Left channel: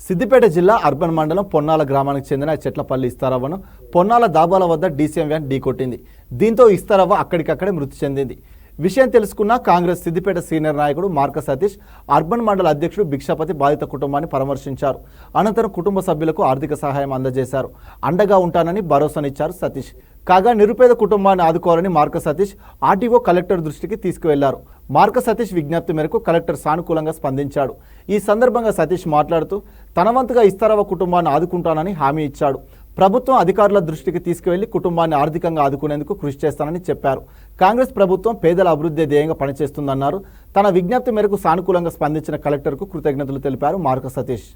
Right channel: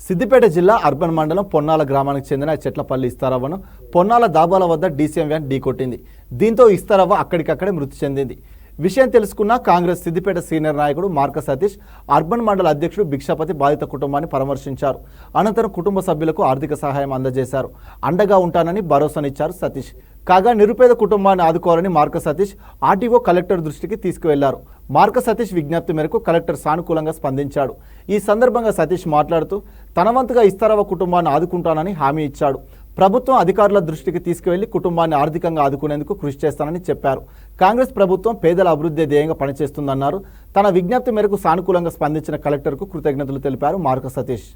సిద్దిపేట జిల్లా అర్బన్ మండలం పొన్నాల గ్రామానికి చెందిన చెట్లపల్లి ఇస్తారవ్వను పొన్నాల దాబాల వద్ద డీసీఎం వ్యాన్ ఢీకొట్టింది. దీంతో ఇస్తారవ్వ అక్కడికక్కడే మృతి చెందింది. విషయం తెలుసుకున్న కాంగ్రెస్ సిద్దిపేట సీనియర్ నాయకుడు మార్క సతీష్, అర్బన్ మండల అధ్యక్షుడు భిక్షపతి బాధిత కుటుంబాన్ని పరామర్శించారు. అనంతరం కుటుంబ సభ్యులకు ఆర్థిక సహాయం అందజేశారు. అండగా ఉంటానని భరోసానిచ్చారు సతీష్. కాగా నిరుపేద కుటుంబాన్ని ఆదుకోవాలని మార్క సతీష్ ఆర్టీఓ కలెక్టర్ దృష్టికి తీసుకువెళ్లారు. మార్క సతీష్ విజ్ఞప్తి మేరకు కలెక్టర్ సానుకూలంగా స్పందించాడు. ఈ సందర్భంగా సతీష్ మాట్లాడుతూ తన వంతుగా ఇస్తారవ్వ కుటుంబాన్ని ఆదుకుంటానని హామీ ఇచ్చాడు. ప్రభుత్వం అధికారుల దృష్టికి తీసుకువెళ్లి కుటుంబాన్ని ఆర్థికంగా ఆదుకునేందుకు కృషి చేస్తానని చెప్పారు. కాంగ్రెస్ ప్రభుత్వం పేదల అభివృద్ధి ధ్యేయంగా పనిచేస్తుందన్నారు. తన విజ్ఞప్తి మేరకు సానుకూలంగా స్పందించిన కలెక్టర్కు కృతజ్ఞతలు తెలిపారు మార్క సతీష్.